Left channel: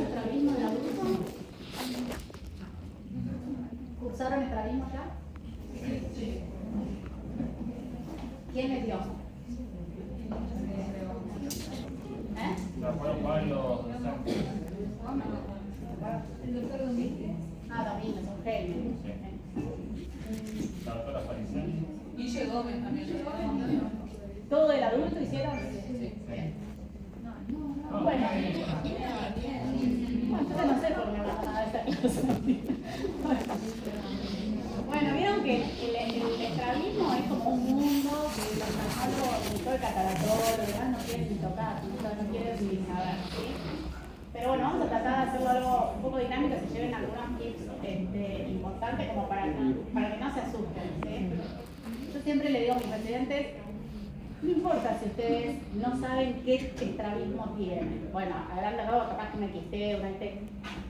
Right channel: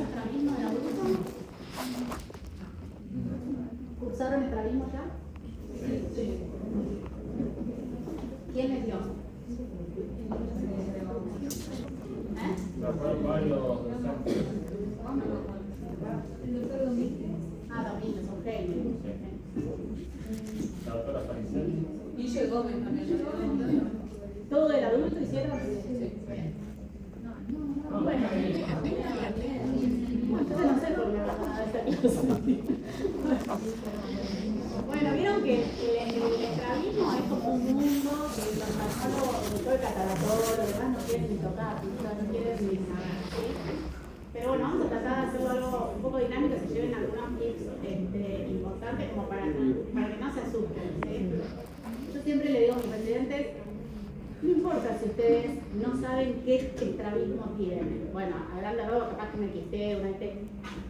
su estrabismo del adulto? ¿Cursaron estrabismo ya? Sí. ¿Quién les dio? Fueron varios. El doctor Domínguez. Domínguez, un genio. La doctora Faricel. Guille Gómez también. ¿Todo el adulto hicieron? Sí. Bien. Bueno, entonces no sé por qué no hablamos nada de esta clase. Bueno, vieron que el estrabismo es como un mundo que los maestros, todo el catalogado, los demás no quieren ni tocar, no quieren ni saber, ¿sí? Pero bueno, vamos a tratar de hacerlo algo un poco dinámico, que se lleven algunos tips importantes como para que no se asusten, ¿sí? Yo siempre le digo a mis residentes, no importa si ustedes no saben qué estrabismo tienen. Bueno, a grande rasgos capaz que una quisté, una IT.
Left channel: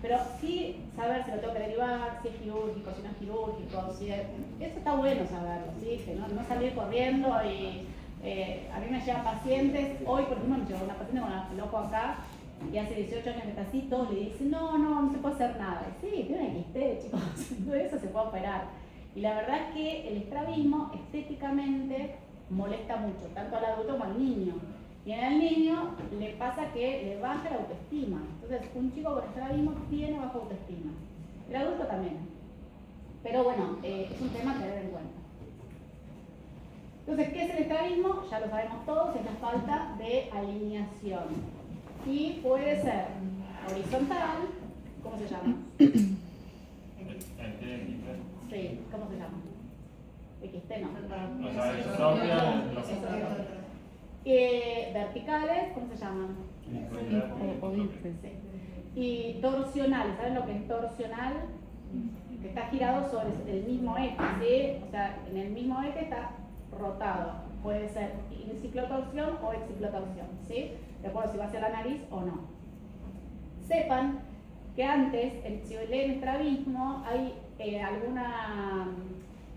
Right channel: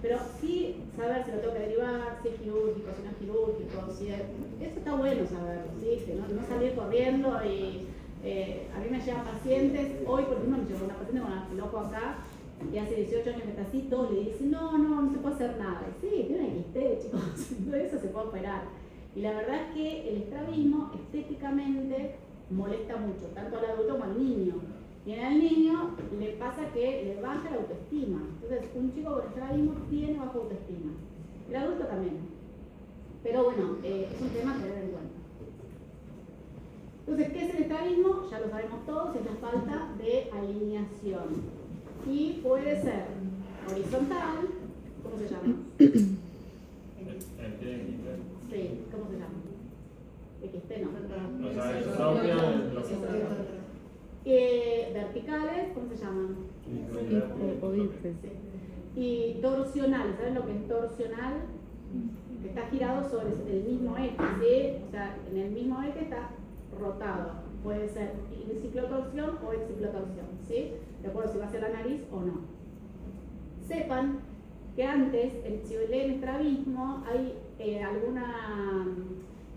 Pero sí saber si lo tengo que derivar, si es quirúrgico, si no es quirúrgico. Eso está bueno saberlo, ¿sí? Que no salir corriendo y a mí me llevan pacientes. Hoy, por ejemplo, me llegó una paciente con un loco acá y hace 18 años que está así, todos le dicen, no se puede hacer nada. Y sí, tiene una quisté, chicos, todo eso se puede operar. Y la verdad es que el estrabismo estéticamente molesta mucho, tanto al adulto como al niño. Y en el niño le pasa que le baja la autoestima. Entonces, un chico con estrabismo tiene baja autoestima. El adulto también. Pero bueno, es un tema a tener en cuenta. Entonces, ¿qué es el estrabismo? Ya lo sabemos todos, es la falta de alineación. Y puede ser horizontal, ¿cómo se llama? Sí, ¿cómo se llama? XT no. O sea, es propia. Verticales, ¿cómo se llaman? Sí. Y torsional, ¿saben lo que es torsional? Que está girado sobre el mismo eje, ¿sí? O sea, en el mismo eje está rotado. Puede ser ciclotorsión o exciclotorsión, ¿sí? De acuerdo si va hacia la nariz o no. Sepan que antes, si leen estrabismo, hay alguna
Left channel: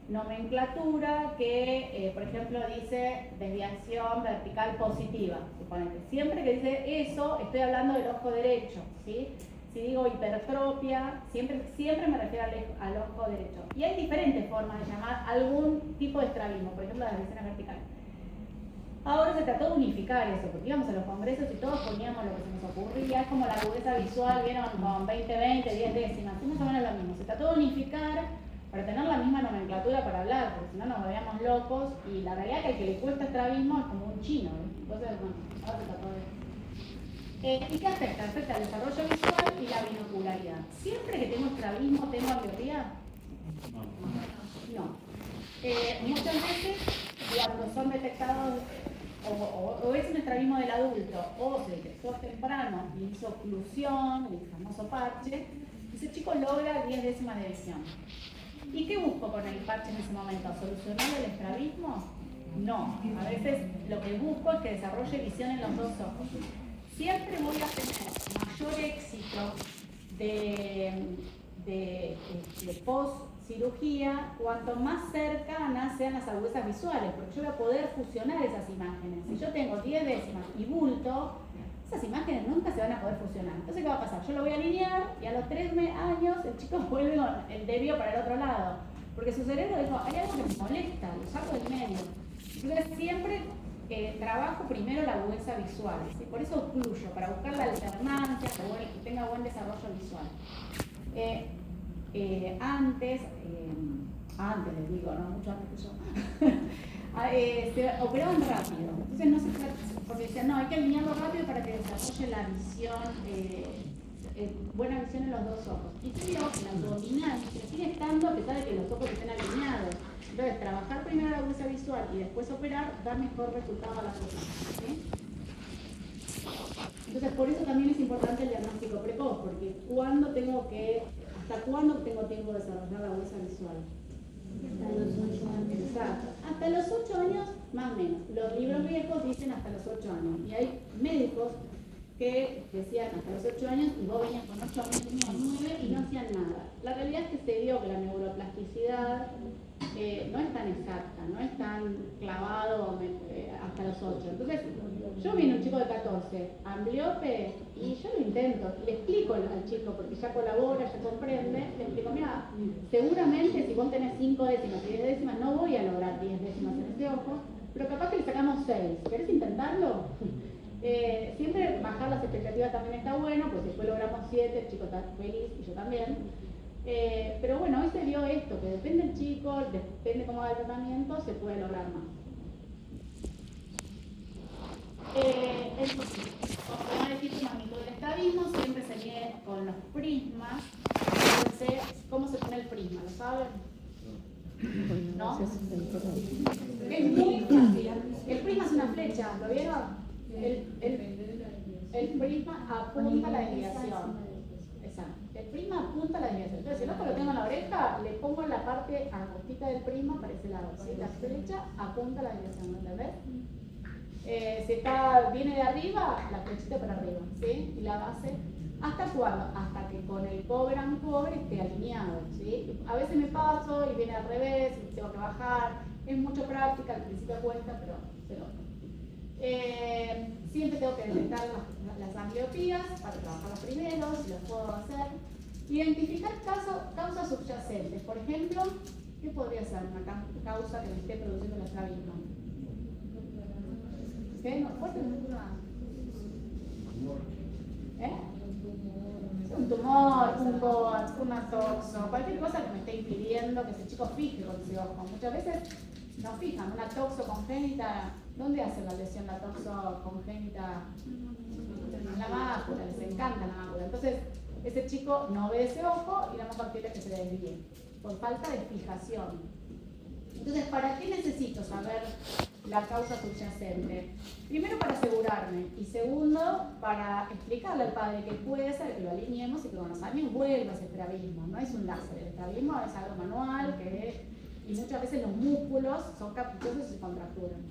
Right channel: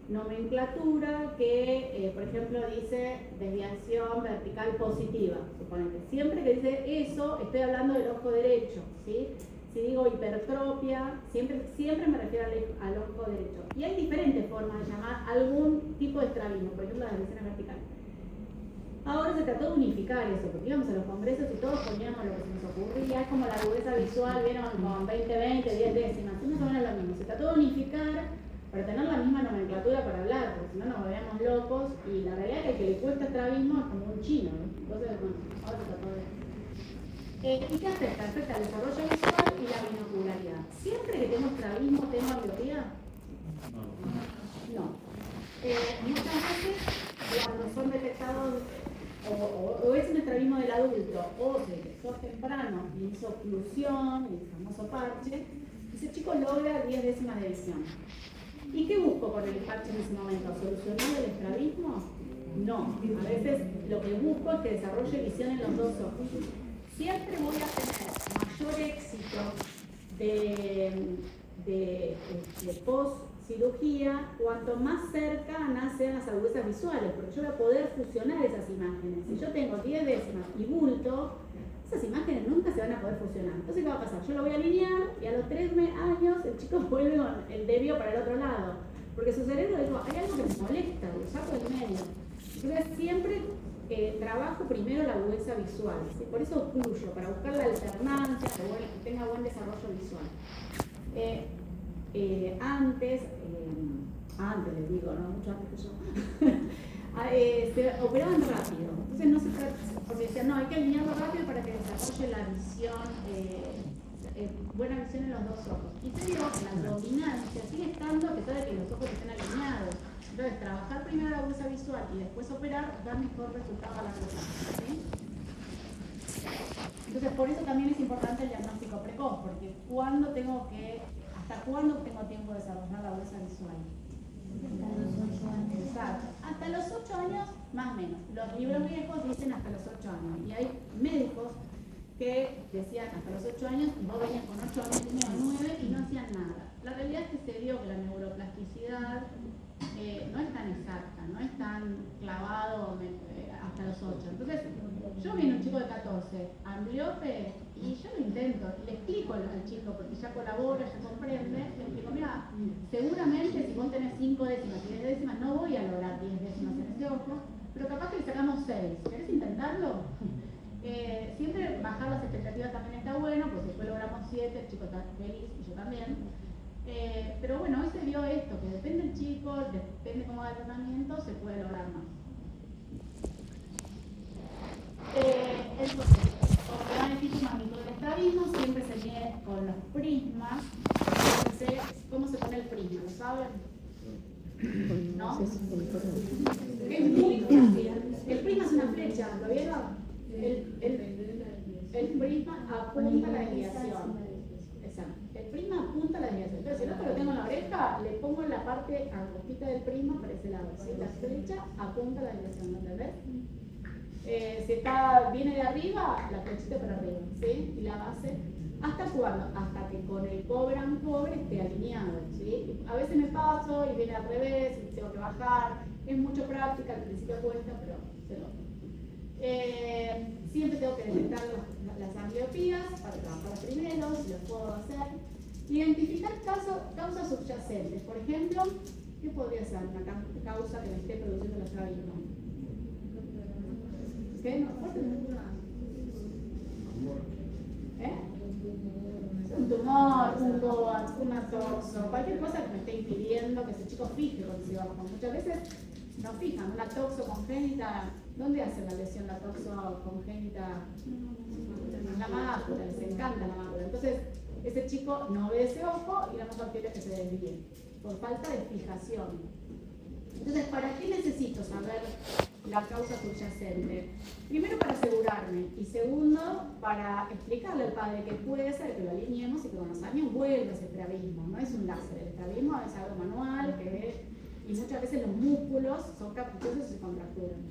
nomenclatura que, por ejemplo, dice desviación vertical positiva, suponete. Siempre que dice eso, estoy hablando del ojo derecho, ¿sí? Si digo hipertropia, siempre me refiero al ojo derecho. Y hay diferentes formas de llamar algún tipo de estrabismo, por ejemplo, las desviaciones verticales. Ahora se trató de unificar eso, porque íbamos a los congresos y todos poníamos lo que se nos ocurría, es como la agudeza visual, vieron con 20, 10 décimas, más o menos lo mismo. Se trató de unificar para tener la misma nomenclatura para hablar, porque si no nos veíamos locos, y la realidad es que al que le cuesta estrabismo es como un chino, ¿no? Entonces, bueno, ahora se trató de... ¿Y qué afecta? Afecta el desarrollo visual y la binocularidad. ¿Siempre que tengo estrabismo tengo ambliopía? No. Muchas veces, cuando son detectados, o es un estrabismo del adulto, o se detectó temprano y hizo oclusión, el famoso parche, ese chico logra 10 décimas de visión. ¿Y qué busco con el parche en ese momento? ¿Solucionar el estrabismo? No. A veces lo que busco es que desarrolle visión en los dos ojos. Siempre voy a tener mayor éxito de post-cirugía cuanto más cercanas sean las agudezas visuales, porque yo voy a poder fusionar esas imágenes. Si yo tengo 10 décimas y bulto, esas imágenes nunca se van a poder fusionar. Entonces, ¿qué va a pasar? Yo lo voy a alinear y a los 3 años el chico vuelve con el desvío para el otro lado, porque su cerebro dijo, hay algo que me molesta, lo saco del medio. Entonces, siempre trabajo primero la agudeza visual, ¿sí? Por eso ocluyo, para buscar la alternancia, que tenga buen desarrollo visual. Antes les digo, ¿no? Mucho antes que yo, se operaban rápido, entonces no se trata, porque decían, no, hay que alinearlo rápido para que desarrolle la visión, buena visión en los dos ojos. Y creo que la dominancia sigue estando a pesar de que los ojos estén alineados. Entonces, trabajar primero la agudeza visual y después operar da mejor resultado a la persona, ¿sí? Entonces, por eso también es importante el diagnóstico precoz, porque ¿hasta cuándo tengo tiempo de desarrollar la agudeza visual? Hasta los 8 años. Exacto. Hasta los 8 años, más o menos. Los libros viejos dicen hasta los 8 años. Y hay médicos que decían hasta los 8 años y vos venías con 8 años y medio, 9 y no hacían nada. La realidad es que se vio que la neuroplasticidad no es tan exacta, no es tan clavado hasta los 8. Entonces, yo vine un chico de 14, ambliope, y yo lo intento, y le explico al chico, porque ya colabora, ya comprende, le explico, mira, seguramente si vos tenés 5 décimas y 10 décimas, no voy a lograr 10 décimas en ese ojo, pero capaz que le sacamos 6. ¿Querés intentarlo? Siempre bajar las expectativas también está bueno, porque después logramos 7, el chico está feliz y yo también. Pero bueno, hoy se vio esto, que depende del chico, depende cómo va el tratamiento, se puede lograr más. Entonces, ortodones magnitud del estrabismo siempre se mide con los prismas. Entonces, ¿cómo se pone el prisma? ¿Lo saben? ¿No? Es muy fácil. El prisma es una flecha, ¿lo vieron? El prisma apunta a la desviación. Exacto. El prisma apunta a la desviación. Entonces, si no lo tengo en la oreja, le pongo la parte angostita del prisma para ese lado. ¿Sí? La flecha apunta a la desviación, ¿no entendés? Si viene de arriba, la flechita para arriba, ¿sí? Y la base, ¿hasta cuándo? Hasta que con el cobre esté alineado, ¿sí? A veces me paso y viene al revés, y tengo que bajar. Es mucho práctica, al principio cuesta, pero se logra. Siempre tengo que detectar las ambliopías para trabajar los primeros, si los puedo hacer. Identificar causas subyacentes. Por ejemplo, ¿qué podría ser una causa que me esté produciendo el estrabismo? ¿Qué? ¿No? ¿Fuerte? Un tumor, un coax, una toxo, cualquier cosa que me esté impidiendo que ese chico fije con ese ojo. Muchas veces no fijan, una toxo congénita. ¿Dónde hacen la lesión la toxo congénita? En la mácula, les encanta la mácula. Entonces, ese chico no ve ese ojo y la más factible es que se desvíe, por falta de fijación. Entonces, ¿para qué necesito saber la causa subyacente? Primero, para asegurarme, y segundo, para explicarle al padre que puede ser que lo alineemos y que con los años vuelva ese estrabismo. No es un láser, el estrabismo es algo manual y muchas veces los músculos son caprichosos y se contracturan.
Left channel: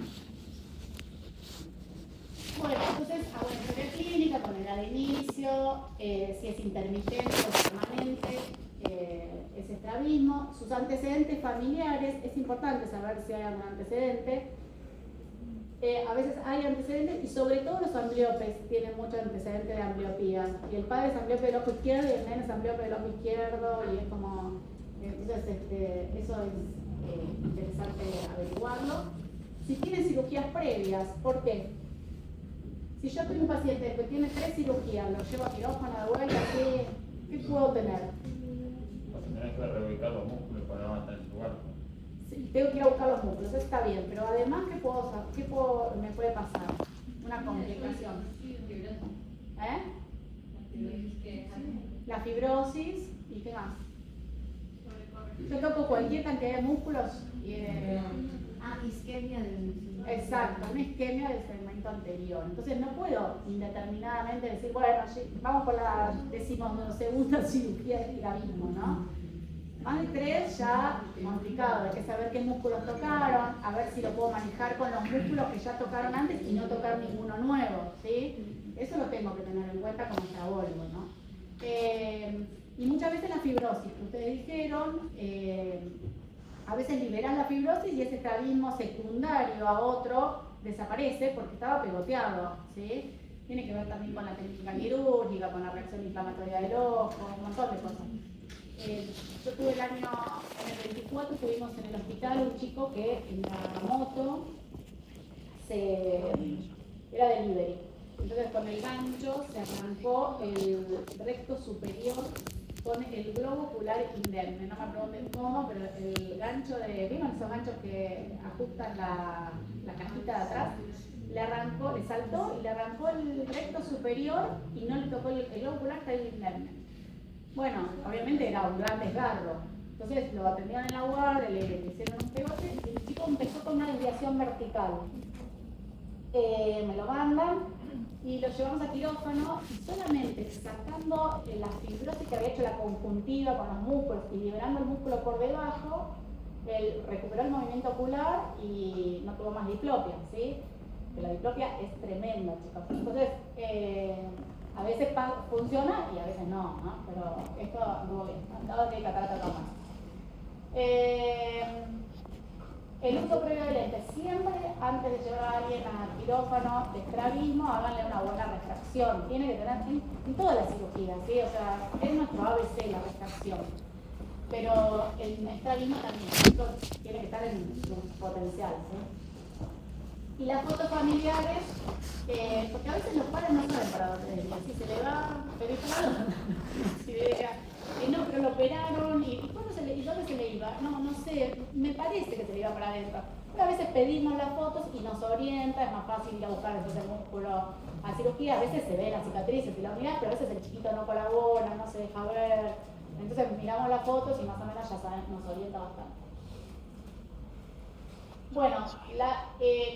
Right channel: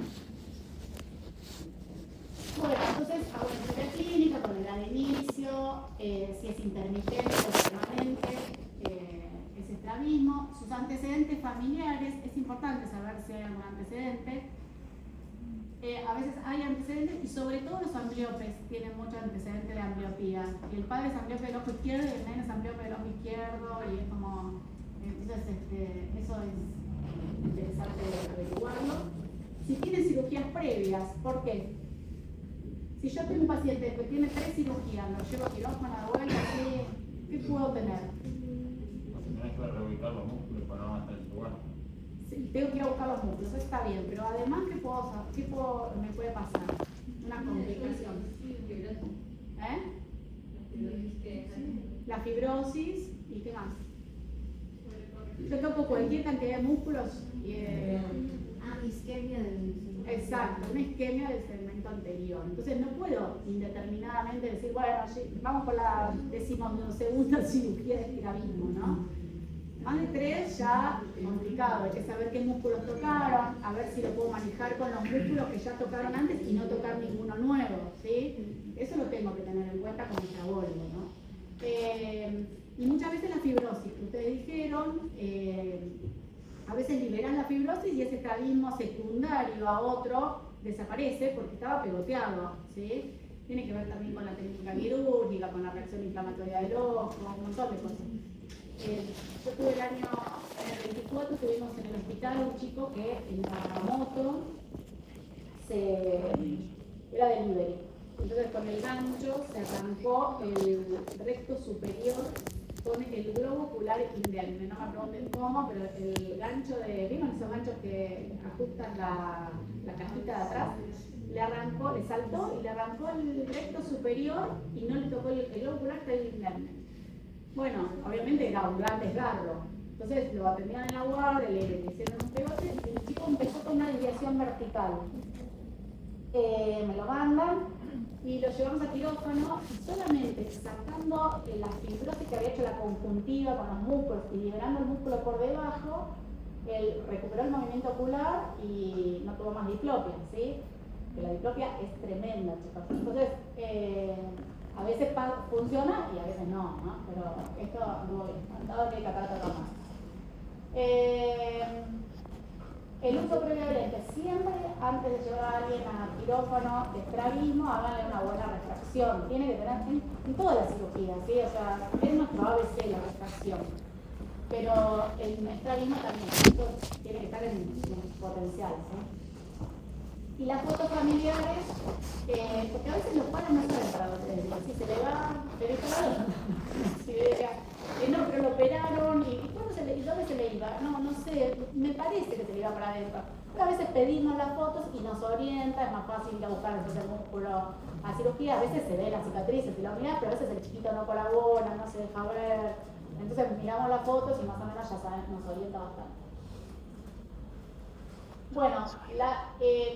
Bueno, entonces hago una historia clínica con edad de inicio, si es intermitente o permanente, ese estrabismo, sus antecedentes familiares, es importante saber si hay algún antecedente. A veces hay antecedentes y sobre todo los ambliopes tienen mucho antecedente de ambliopía. Y el padre es ambliope del ojo izquierdo y el nene es ambliope del ojo izquierdo y es como... Entonces eso es interesante averiguarlo. Si tiene cirugías previas, ¿por qué? Si yo tengo un paciente que tiene 3 cirugías, lo llevo a quirófano de vuelta, ¿qué puedo tener? Tenés que reubicar los músculos para no estar en su lugar. Sí, tengo que ir a buscar los músculos, eso está bien, pero además, ¿qué me puede pasar? Una complicación. La fibrosis y qué más. Yo toco cualquier cantidad de músculos y isquemia del... Exacto, una isquemia del segmento anterior. Entonces no puedo indeterminadamente decir, bueno, vamos por la 12ª cirugía de estrabismo, ¿no? Más de 3 ya complicado, hay que saber qué músculos tocaron, a ver si lo puedo manejar con los músculos que ya tocaron antes y no tocar ninguno nuevo, ¿sí? Eso lo tengo que tener en cuenta como trabólogo, ¿no? Y muchas veces la fibrosis que ustedes dijeron, a veces liberan la fibrosis y ese estrabismo secundario a otro desaparece porque estaba pegoteado, ¿sí? Tiene que ver también con la técnica quirúrgica, con la reacción inflamatoria del ojo, un montón de cosas. Yo tuve en el 24 tuvimos en el hospital un chico que en la moto era delivery. Entonces con el gancho se arrancó el recto superior con el globo ocular indemne. No me pregunten cómo, pero el gancho ¿vieron esos ganchos que ajustan la cajita de atrás? Le saltó y le arrancó el recto superior y no le tocó el globo ocular, está ahí indemne. Bueno, obviamente era un gran desgarro. Entonces lo atendían en la guardia, le hicieron un pegote y el chico empezó con una desviación vertical. Me lo mandan y lo llevamos a quirófano y solamente sacando la fibrosis que había hecho la conjuntiva con los músculos y liberando el músculo por debajo, él recuperó el movimiento ocular y no tuvo más diplopia, ¿sí? que la diplopia es tremenda, chicos. Entonces, a veces funciona y a veces no, ¿no? Pero esto anduvo bien. Ahora tiene catarata más. El uso previo de lentes. Siempre antes de llevar a alguien a quirófano de estrabismo, háganle una buena refracción. Tiene que tener en todas las cirugías, ¿sí? O sea, es nuestro ABC la refracción. Pero en estrabismo también, esto tiene que estar en su potencial, ¿sí? Y las fotos familiares, porque a veces los padres no saben para dónde ir. Si se le va, pero ¿y para dónde? Si no, pero lo operaron, ¿y dónde se le iba? No sé, me parece que se le iba para adentro. Pero a veces pedimos las fotos y nos orienta, es más fácil ir a buscar entonces el músculo a cirugía. A veces se ven las cicatrices y la unidad, pero a veces el chiquito no colabora, no se deja ver. Entonces miramos las fotos y más o menos ya saben, nos orienta bastante. Bueno,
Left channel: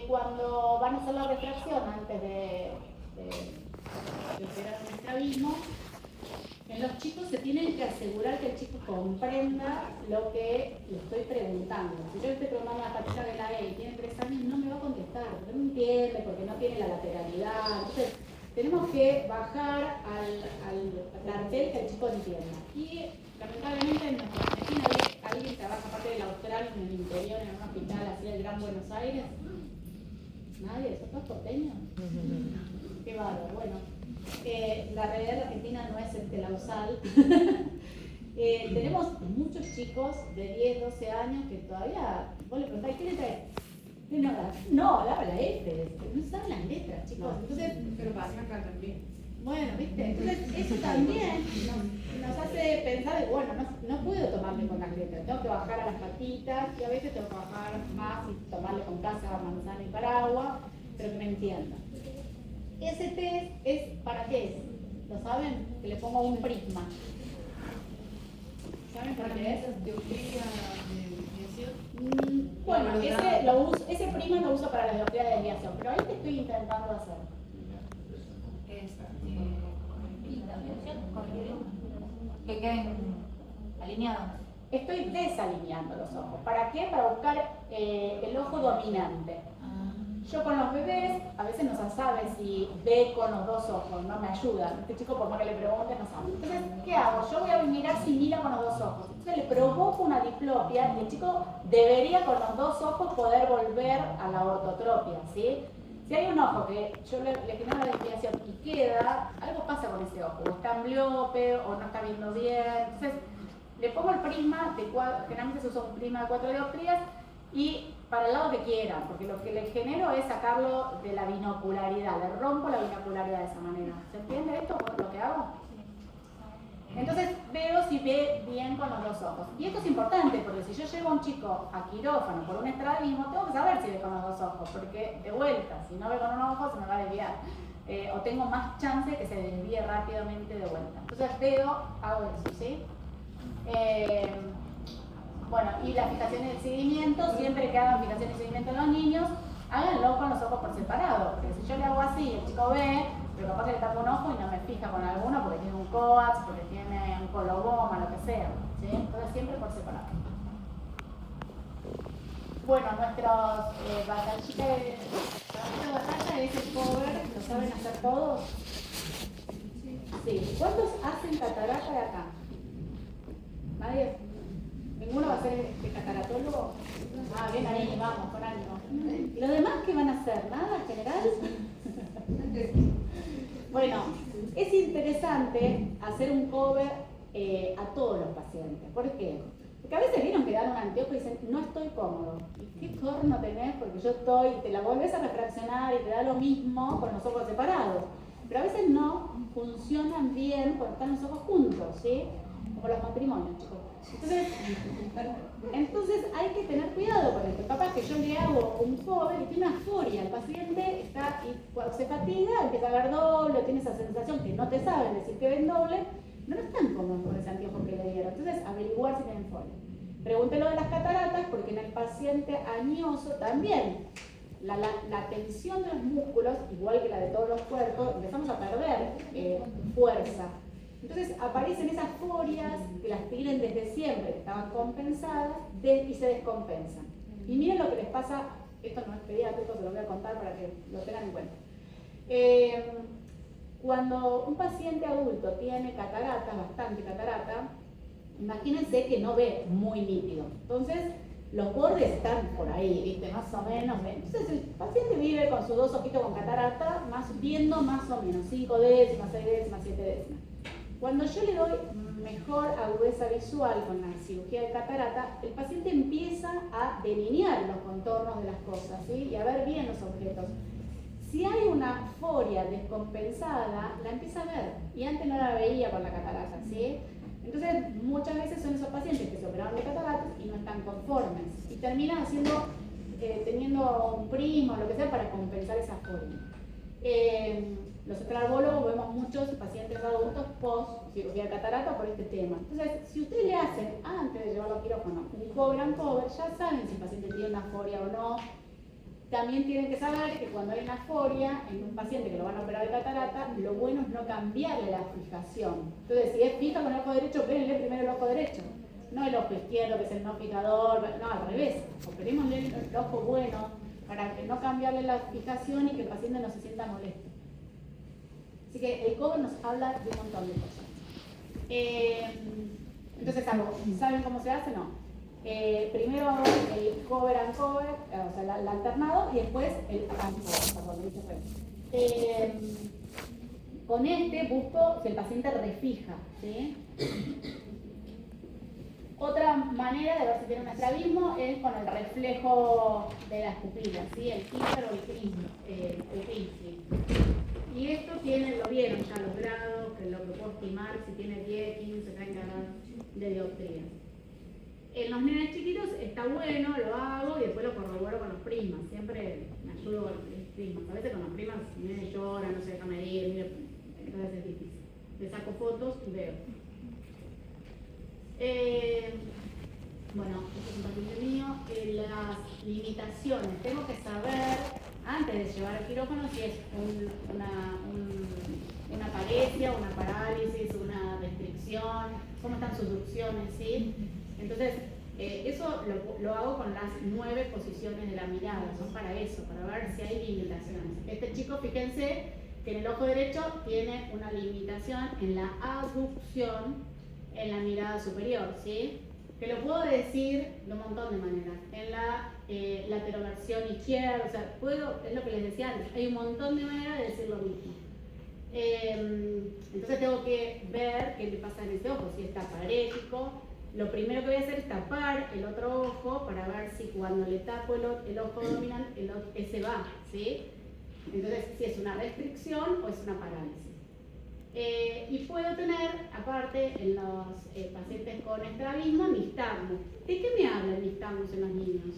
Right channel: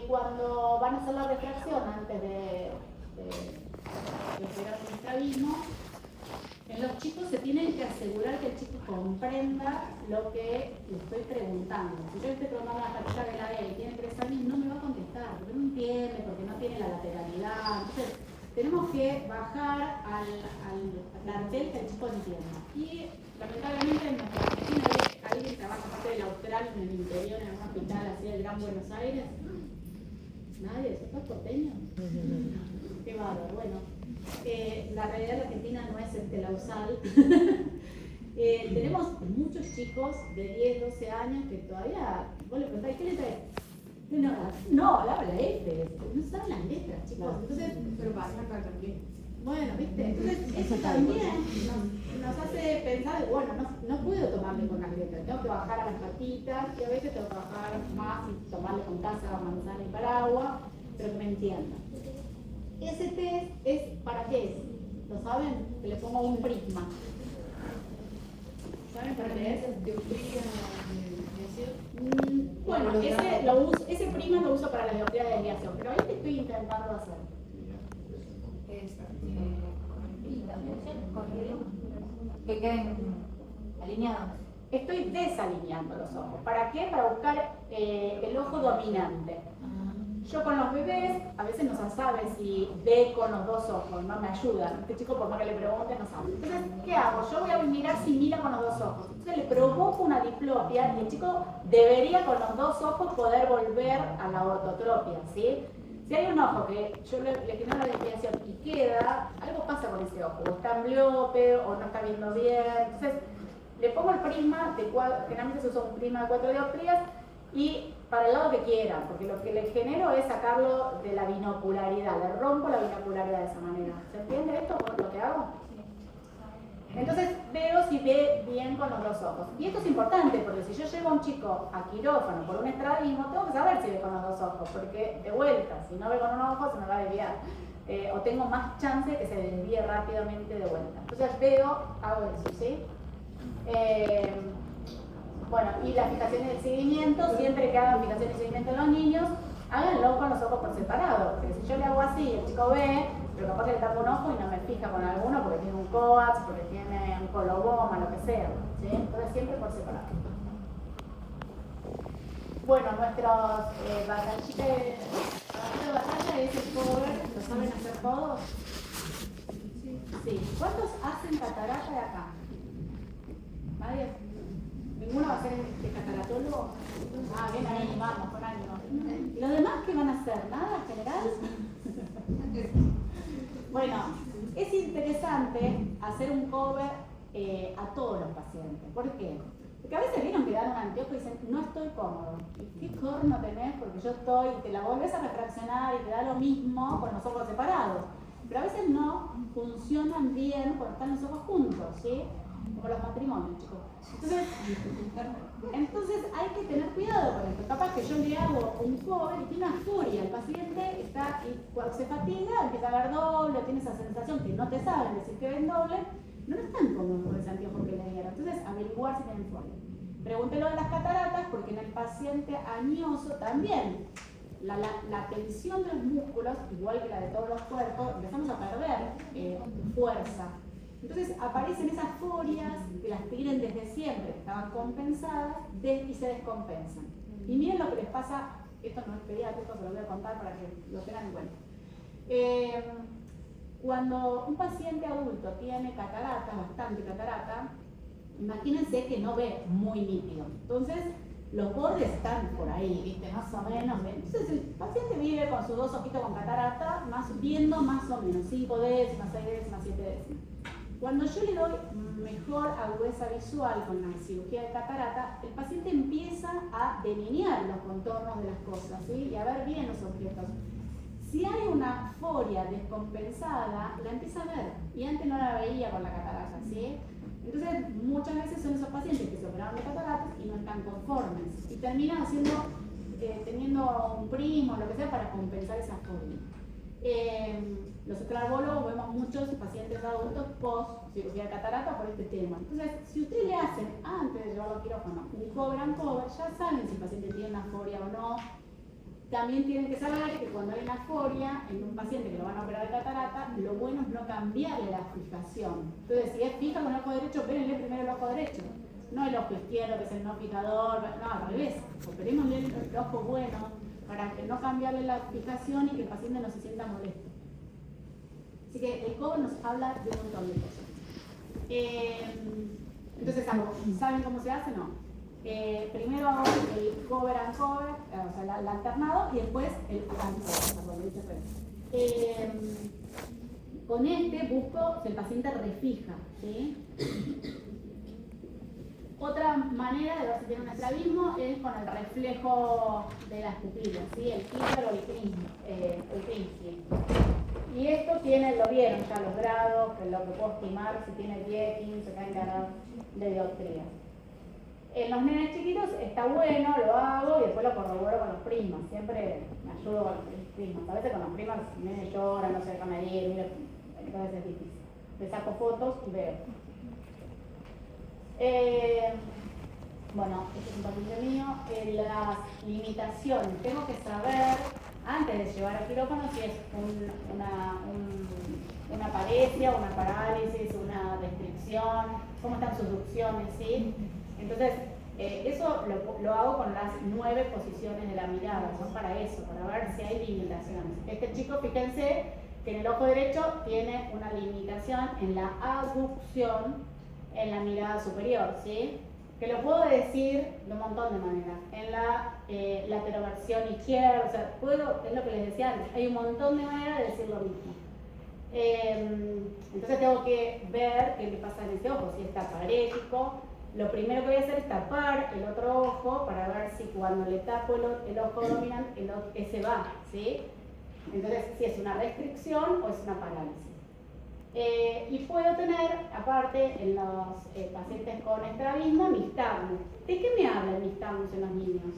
cuando van a hacer la refracción antes de operar un estrabismo, en los chicos se tienen que asegurar que el chico comprenda lo que le estoy preguntando. Si yo le estoy preguntando a la patita de la y tiene 3 años, no me va a contestar, porque no entiende, porque no tiene la lateralidad. Entonces, tenemos que bajar al cartel que el chico entienda. Y lamentablemente en nuestra Argentina alguien trabaja parte del austral en el interior, en un hospital así del Gran Buenos Aires. Nadie, ¿sos todos porteños? Qué bárbaro, bueno. La realidad argentina no es la USAL. Tenemos muchos chicos de 10, 12 años que todavía, vos le preguntás, ¿qué le traes? No, dame la F, no saben las letras, chicos. Entonces, Pero pasa acá también. bueno, ¿viste? Entonces, eso también nos hace pensar de, bueno, no puedo tomarle con las letras, tengo que bajar a las patitas y a veces tengo que bajar más y tomarle con casa, manzana y paraguas, pero que me entienda. Ese test es, ¿para qué es? ¿Lo saben? Que le pongo un prisma. ¿Saben para qué es? Bueno, ese prisma lo uso para la dioptría de desviación, pero ahí te estoy intentando hacer. Que queden alineados. Estoy desalineando los ojos. ¿Para qué? Para buscar el ojo dominante. Yo con los bebés a veces no se sabe si ve con los 2 ojos, no me ayuda. Este chico por más que le pregunte no sabe. Entonces, ¿qué hago? Yo voy a mirar si mira con los 2 ojos. Entonces le provoco una diplopia y el chico debería con los 2 ojos poder volver a la ortotropia, ¿sí? Si hay un ojo que yo le tengo la desviación y queda, algo pasa con ese ojo. O está ambliope o no está viendo bien. Entonces, le pongo el prisma, generalmente se usa un prisma de 4 dioptrías, y para el lado que quieran, porque lo que le genero es sacarlo de la binocularidad, le rompo la binocularidad de esa manera. ¿Se entiende esto por lo que hago? Entonces veo si ve bien con los 2 ojos. Y esto es importante, porque si yo llevo a un chico a quirófano por un estrabismo, tengo que saber si ve con los 2 ojos, porque de vuelta, si no ve con un ojo se me va a desviar. O tengo más chance de que se desvíe rápidamente de vuelta. Entonces veo, hago eso, ¿sí? Bueno, y la fijación y el seguimiento, siempre que hagan fijación y seguimiento en los niños, háganlo con los ojos por separado, porque si yo le hago así, el chico ve, pero capaz que le tapo un ojo y no me fija con alguno porque tiene un coax, porque tiene un coloboma, lo que sea, ¿sí? Entonces siempre por separado. Bueno, nuestros batallita de batalla es el cover, ¿lo saben hacer todos? Sí. ¿Cuántos hacen catarata de acá? ¿Nadie? ¿Ninguno va a ser cataratólogo? Ah, bien ahí, vamos, con ánimo. ¿Y los demás qué van a hacer? ¿Nada en general? Bueno, es interesante hacer un cover a todos los pacientes. ¿Por qué? Porque a veces vieron que dan un anteojo y dicen, no estoy cómodo. ¿Y qué corno tenés? Porque yo estoy, y te la volvés a refraccionar y te da lo mismo con los ojos separados. Pero a veces no funcionan bien cuando están los ojos juntos, ¿sí? Como los matrimonios, chicos. Entonces hay que tener cuidado con esto. Capaz que yo le hago un cover y tiene una aforia. El paciente está, y cuando se fatiga, empieza a ver doble, tiene esa sensación que no te saben decir que ven doble, no están cómodos con ese anteojo que le dieron. Entonces, averiguar si tienen folia. Pregúntelo de las cataratas, porque en el paciente añoso también la tensión de los músculos, igual que la de todos los cuerpos, empezamos a perder fuerza. Entonces aparecen esas forias que las tienen desde siempre, estaban compensadas y se descompensan. Y miren lo que les pasa esto no es pediátrico, se lo voy a contar para que lo tengan en cuenta. Cuando un paciente adulto tiene catarata, bastante catarata, imagínense que no ve muy nítido. Entonces, los bordes están por ahí, ¿viste? Más o menos. Entonces, el paciente vive con sus dos ojitos con catarata, viendo más o menos 5 décimas, 6 décimas, 7 décimas. Cuando yo le doy mejor agudeza visual con la cirugía de catarata, el paciente empieza a delinear los contornos de las cosas, ¿sí? Y a ver bien los objetos. Si hay una foria descompensada, la empieza a ver, y antes no la veía con la catarata, ¿sí? Entonces, muchas veces son esos pacientes que se operaron de cataratas y no están conformes, y terminan teniendo un prisma o lo que sea para compensar esa foria. Los oftalmólogos vemos muchos pacientes adultos post cirugía de catarata por este tema. Entonces, si ustedes le hacen antes de llevarlo al quirófano un cover and cover, ya saben si el paciente tiene una foria o no. También tienen que saber que cuando hay una foria en un paciente que lo van a operar de catarata, lo bueno es no cambiarle la fijación. Entonces, si es fija con el ojo derecho, opérenle primero el ojo derecho, no el ojo izquierdo que es el no fijador, no, al revés. Operémosle el ojo bueno para que no cambiarle la fijación y que el paciente no se sienta molesto. Así que el cover nos habla de un montón de cosas. Entonces, ¿saben cómo se hace? No. Primero hago el cover and cover, o sea, el alternado, y después el and cover, con este busco si el paciente refija, ¿sí? Otra manera de ver si tiene un estrabismo es con el reflejo de las pupilas, ¿sí? El Tinker o el Krinsky. Y esto lo vieron ya los grados, que lo que puedo estimar si tiene 10, 15, 30 grados de dioptría. En los nenes chiquitos está bueno, lo hago y después lo corroboro con los primas. Siempre me ayudo con los primas. A veces con los primas el nene llora, no se deja medir, entonces es difícil. Le saco fotos y veo. Bueno, este es un papel mío. Las limitaciones. Tengo que saber, antes de llevar al quirófano, si es una paresia, una parálisis, una restricción, cómo están sus ducciones, ¿sí? Entonces, eso lo hago con las 9 posiciones de la mirada, son para eso, para ver si hay limitaciones. Este chico, fíjense que en el ojo derecho tiene una limitación en la aducción en la mirada superior, ¿sí? Que lo puedo decir de un montón de maneras. En la lateroversión izquierda, o sea, es lo que les decía antes, hay un montón de maneras de decir lo mismo. Entonces tengo que ver qué le pasa en este ojo, si está parético. Lo primero que voy a hacer es tapar el otro ojo para ver si cuando le tapo el ojo dominante, ese va, ¿sí? Entonces, si es una restricción o es una parálisis. Y puedo tener, aparte, en los pacientes con estrabismo, nistagmus. ¿De qué me habla el nistagmus en los niños?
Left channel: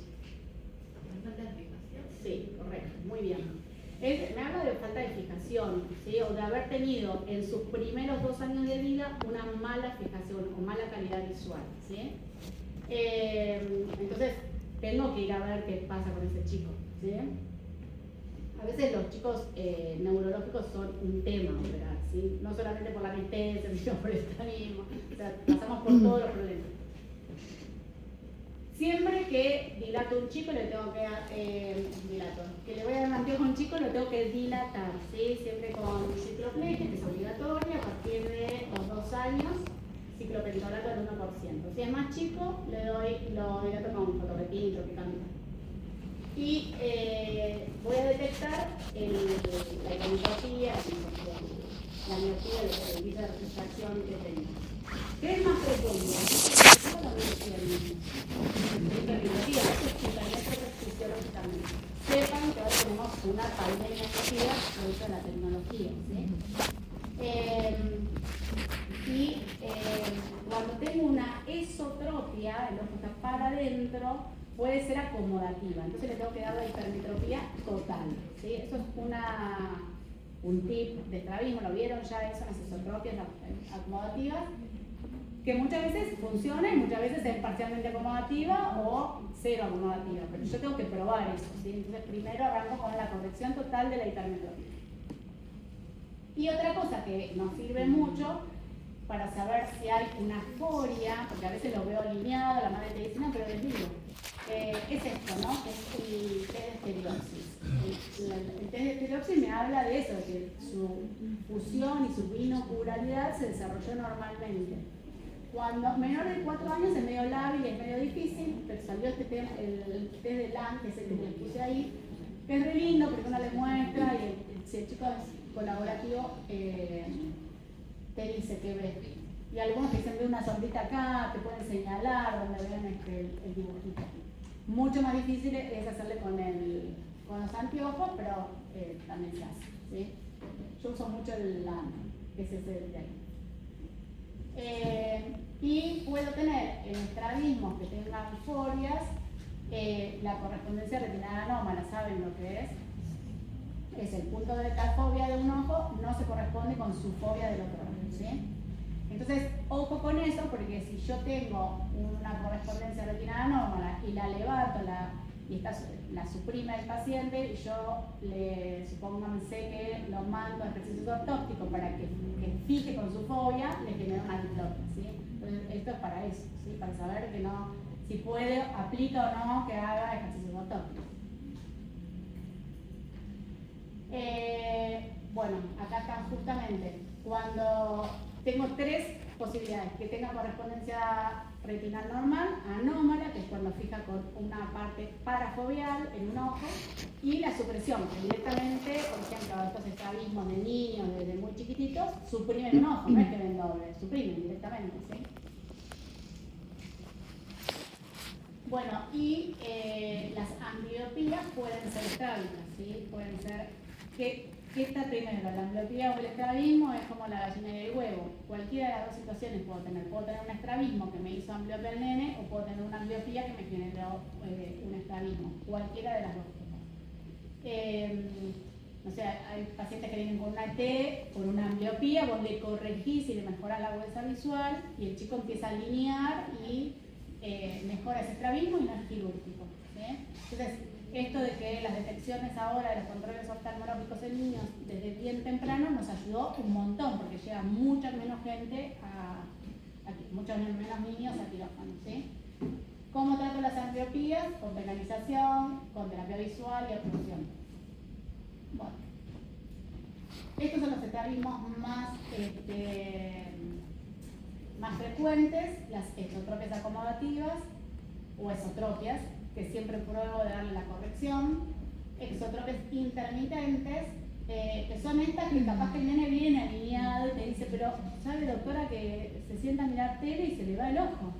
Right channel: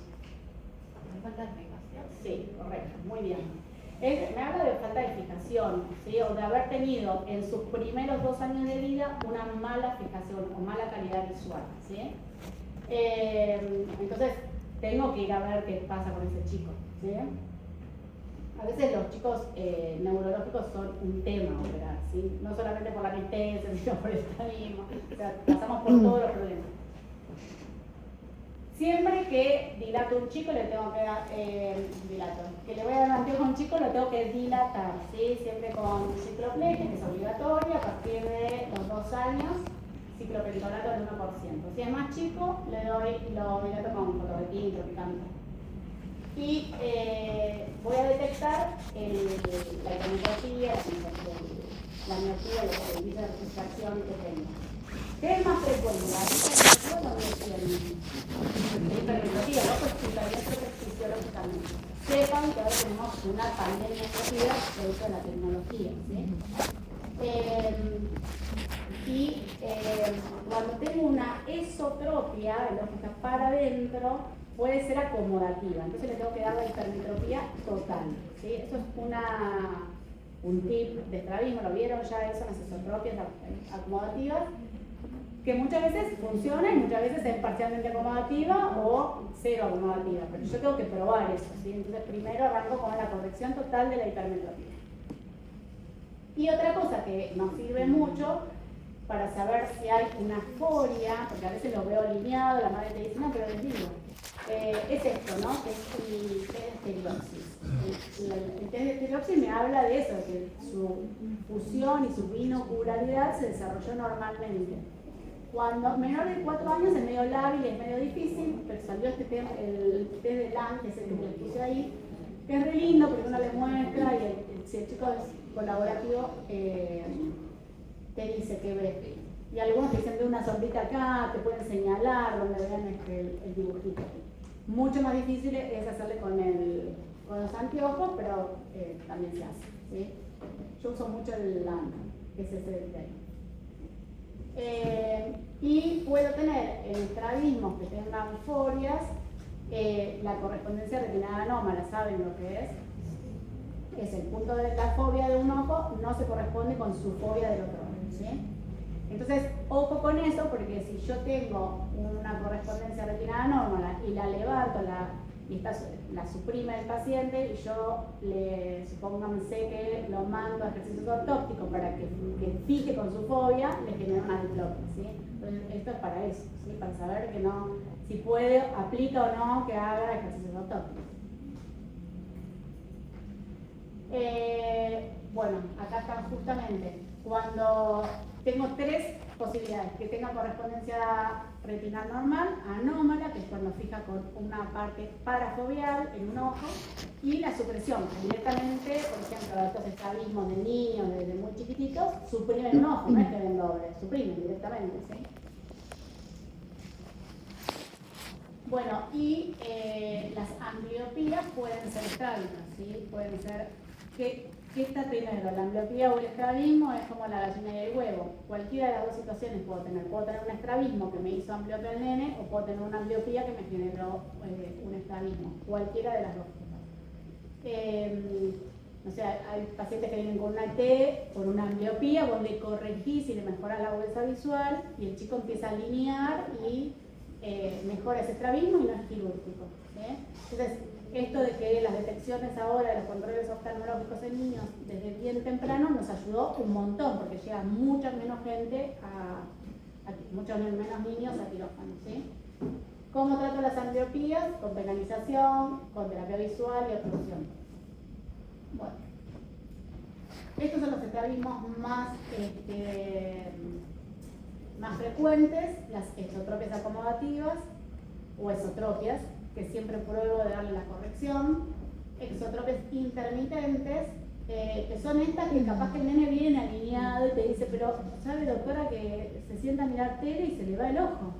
¿Me falta de fijación? Sí, correcto, muy bien. Me habla de falta de fijación, ¿sí? O de haber tenido en sus primeros 2 años de vida una mala fijación o mala calidad visual, ¿sí? Entonces, tengo que ir a ver qué pasa con ese chico, ¿sí? A veces los chicos neurológicos son un tema operar, ¿sí? No solamente por la anestesia, sino por el estrabismo. O sea, pasamos por todos los problemas. Siempre que dilato a un chico le tengo que que le voy a dar anteojo a un chico lo tengo que dilatar, ¿sí? Siempre con cicloplegia, que es obligatoria, a partir de los 2 años, ciclopentolato del 1%. Si es más chico, lo dilato con fotoretín, tropicamida. Y voy a detectar la hipermetropía, la miopía, el índice de refracción que tenga. ¿Qué es más frecuente? ¿La hipermetropía? Eso es fundamental fisiológicamente. Sepan que ahora tenemos una pandemia rápida producto de la tecnología, ¿sí? Cuando tengo una esotropia, el ojo está para adentro, puede ser acomodativa, entonces le tengo que dar la hipermetropía total, ¿sí? Eso es un tip de estrabismo, lo vieron ya eso, las esotropias acomodativas, que muchas veces funciona y muchas veces es parcialmente acomodativa o cero acomodativa, pero yo tengo que probar eso, ¿sí? Entonces primero arranco con la corrección total de la hipermetropía. Y otra cosa que nos sirve mucho para saber si hay una foria, porque a veces lo veo alineado, la madre te dice, no, pero desvío. es esto, ¿no? Que es el test de estereosis. El test de estereosis me habla de eso, de que su fusión y su binocularidad se desarrolló normalmente. Cuando menor de 4 años es medio lábil, es medio difícil, pero salió este tema, el test de Lang, que es el que les puse ahí, que es re lindo porque uno le muestra y si el chico es colaborativo, te dice que ve. Y algunos te dicen, ve una sombrita acá, te pueden señalar donde vean el dibujito. Mucho más difícil es hacerle con los anteojos, pero también se hace, ¿sí? Yo uso mucho el LAN, que es ese de ahí. Y puedo tener en estrabismos que tengan folias, la correspondencia retinal anómala, ¿saben lo que es? Es el punto de la fobia de un ojo, no se corresponde con su fobia del otro ojo, ¿sí? Entonces, ojo con eso, porque si yo tengo una correspondencia retinal anómala y la levanto, la suprime el paciente, y yo supónganse que lo mando a ejercicios ortópticos para que fije con su fobia, le genera una diplopia, ¿sí? Entonces, esto es para eso, ¿sí? Para saber que no, si puede, aplica o no que haga ejercicios ortópicos. Bueno, acá están justamente cuando tengo 3 posibilidades: que tenga correspondencia retinal normal, anómala, que es cuando fija con una parte parafobial en un ojo, y la supresión, que directamente, por ejemplo, estos estrabismos de niños desde muy chiquititos, suprimen un ojo, no es que ven doble, suprimen directamente, ¿sí? Bueno, y las ambliopías pueden ser estrábicas, ¿sí? Pueden ser, ¿qué está primero? ¿La ambliopía o el estrabismo? Es como la gallina y el huevo. Cualquiera de las 2 situaciones puedo tener. Puedo tener un estrabismo que me hizo ambliopia al nene, o puedo tener una ambliopía que me generó un estrabismo. Cualquiera de las 2 cosas. O sea, hay pacientes que vienen con una T, por una ambliopía, vos le corregís y le mejorás la agudeza visual, y el chico empieza a alinear y mejora ese estrabismo y no es quirúrgico, ¿sí? Entonces, esto de que las detecciones ahora de los controles oftalmológicos en niños desde bien temprano nos ayudó un montón, porque llega mucha menos gente muchos menos niños a quirófano, ¿sí? ¿Cómo trato las ambliopías? Con penalización, con terapia visual y oclusión. Bueno, estos son los estrabismos más frecuentes, las exotropias acomodativas o esotropias, que siempre pruebo de darle la corrección. Exotropias intermitentes, que son estas que capaz que el nene viene alineado y te dice, pero sabe doctora que se sienta a mirar tele y se le va el ojo,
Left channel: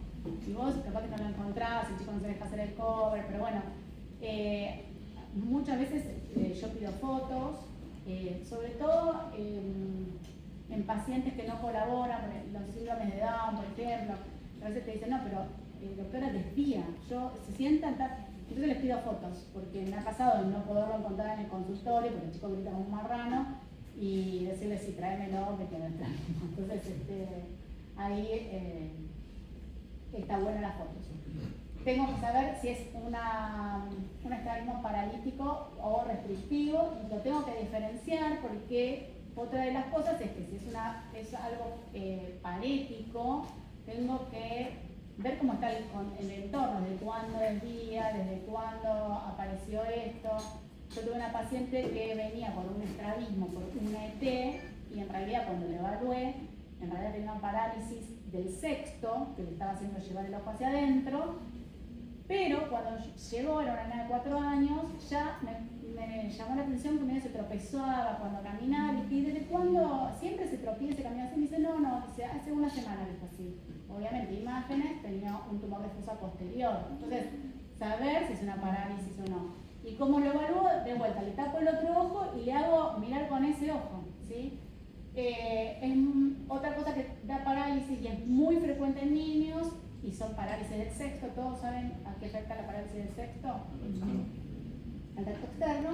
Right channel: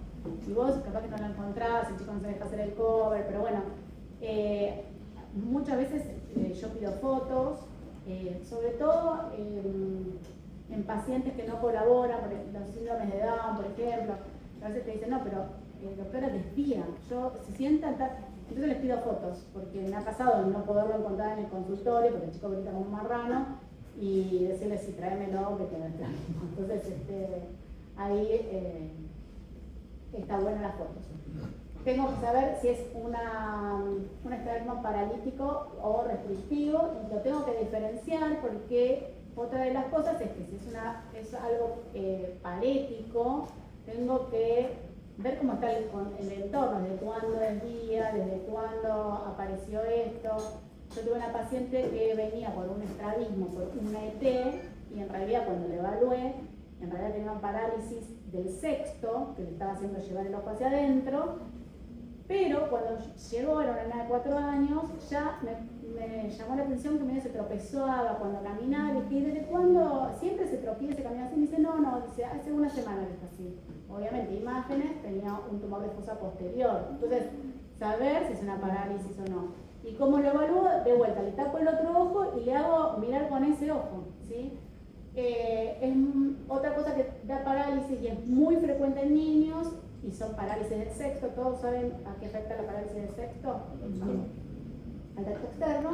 y vos capaz que no lo encontrás, el chico no se deja hacer el cover, pero bueno, muchas veces yo pido fotos, sobre todo en pacientes que no colaboran, por los síndromes de Down, por ejemplo. A veces te dicen, no, pero doctora desvía, se sientan, entonces les pido fotos, porque me ha pasado de no poderlo encontrar en el consultorio, porque el chico grita como un marrano, y decirle, sí, tráemelo, que tiene el trámite. Entonces, ahí está buena las fotos. Tengo que saber si es un estrabismo paralítico o restrictivo, y lo tengo que diferenciar porque otra de las cosas es que si es algo parético, tengo que ver cómo está el entorno, desde cuándo es día, desde cuándo apareció esto. Yo tuve una paciente que venía por un estrabismo, por una ET, y en realidad cuando le evalué, en realidad tenía un parálisis del sexto, que le estaba haciendo llevar el ojo hacia adentro, pero cuando llegó, era una nena de 4 años, ya me llamó la atención que medio se tropezaba cuando caminaba, y dije, ¿desde cuándo siempre se tropieza y camina así? Me dice, no, dice, hace una semana que está así. Obviamente, imágenes, tenía un tumor de fosa posterior. Entonces, saber si es una parálisis o no. Y como lo evalúo, de vuelta, le tapo el otro ojo y le hago mirar con ese ojo, ¿sí? Es otra cosa que da parálisis y es muy frecuente en niños, y son parálisis del sexto. ¿Todos saben a qué afecta la parálisis del sexto? Al tacto externo.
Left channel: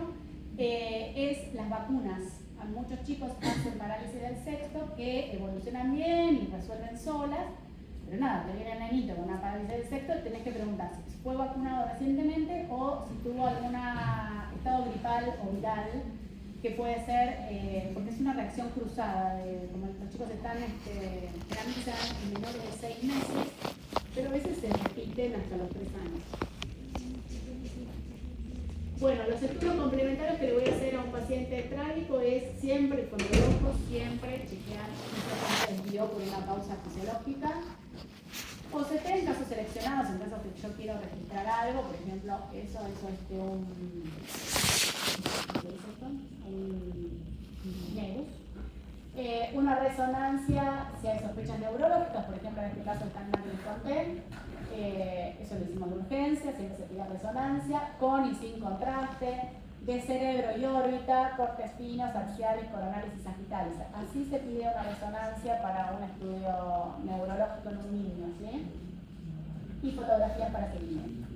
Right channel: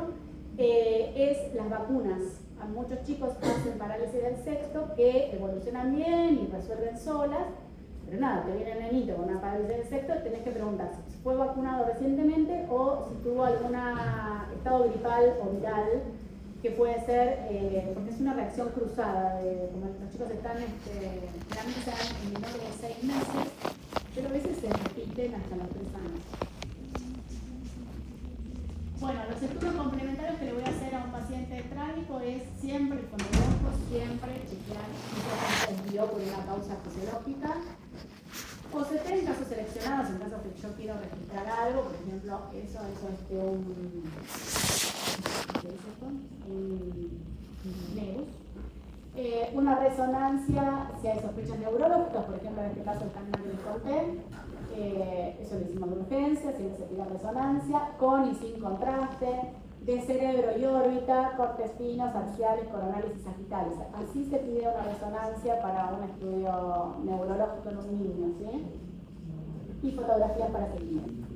Es las vacunas. A muchos chicos hacen parálisis del sexto que evolucionan bien y resuelven solas, pero nada, te viene el nenito con una parálisis del sexto, tenés que preguntar si fue vacunado recientemente o si tuvo algún estado gripal o viral, que puede ser, porque es una reacción cruzada, como los chicos están, generalmente se dan en menores de 6 meses, pero a veces se repiten hasta los 3 años. Bueno, los estudios complementarios que le voy a hacer a un paciente trágico es siempre, con el ojo, siempre chequear si se desvió por una causa fisiológica. O se en casos seleccionados, en caso que yo quiero registrar algo, por ejemplo, eso es un nebus. Una resonancia, si hay sospechas neurológicas, por ejemplo en este caso está en el frontal, eso le decimos de urgencia, siempre se pide resonancia, con y sin contraste, de cerebro y órbita, cortes finos, axiales, coronales y sagittales. Así se pide una resonancia para un estudio neurológico en un niño, ¿sí? Y fotografías para seguimiento.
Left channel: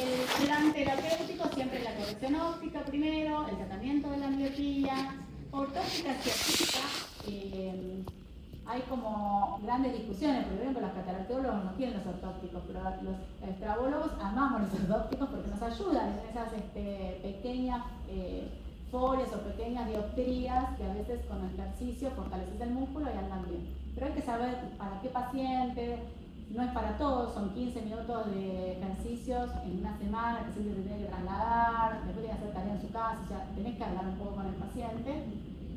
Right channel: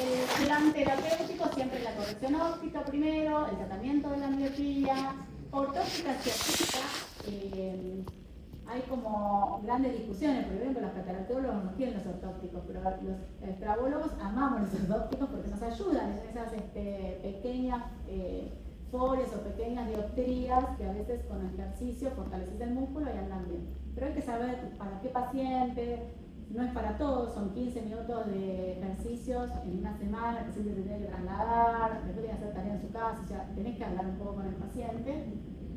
El plan terapéutico siempre es la corrección óptica primero, el tratamiento de la miopía, ortóptica científica. Hay como grandes discusiones, por ejemplo, los cataractólogos no quieren los ortópticos, pero los estrabólogos amamos los ortópticos porque nos ayudan en esas pequeñas folias o pequeñas dioptrías que a veces con ejercicio fortaleces el músculo y andan bien. Pero hay que saber para qué paciente, no es para todos, son 15 minutos de ejercicios en una semana, el paciente se tiene que trasladar, después tiene que hacer tarea en su casa, o sea, tenés que hablar un poco con el paciente.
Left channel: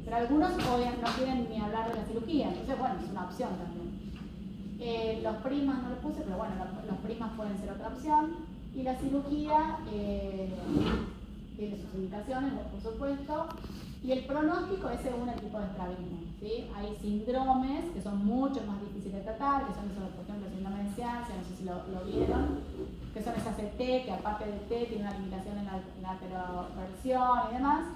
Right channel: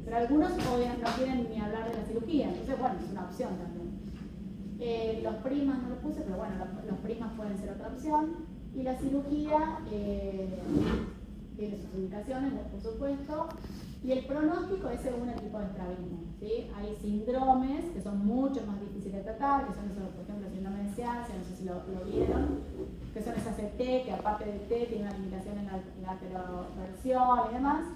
Pero algunos obviamente no quieren ni hablar de la cirugía, entonces bueno, es una opción también. Los primas no lo puse, pero bueno, los primas pueden ser otra opción. Y la cirugía tiene sus indicaciones, por supuesto. Y el pronóstico es según el tipo de estrabismo, ¿sí? Hay síndromes que son mucho más difíciles de tratar, que son esos, por ejemplo, el síndrome de Ciancia, no sé si lo vieron, que son esas ET, que aparte de T tiene una limitación en la lateroversión y demás,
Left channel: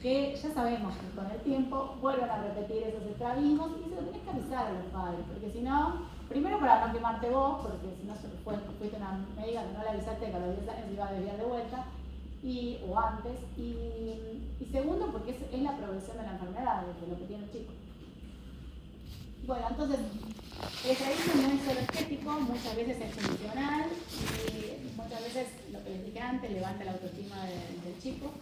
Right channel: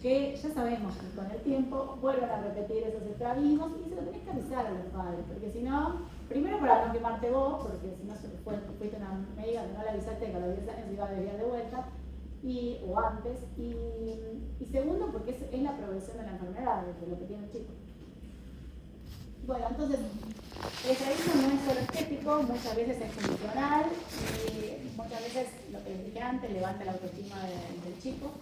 que ya sabemos que con el tiempo vuelven a repetir esos estrabismos y se lo tenés que avisar a los padres, porque si no, primero para no quemarte vos, porque si no fuiste una médica que no le avisaste que a los 10 años se iba a desviar de vuelta, o antes, y segundo porque es la progresión de la enfermedad, de lo que tiene el chico. Bueno, entonces, el estrabismo no es solo estético, muchas veces es funcional y muchas veces, lo que les dije antes, levanta la autoestima del chico.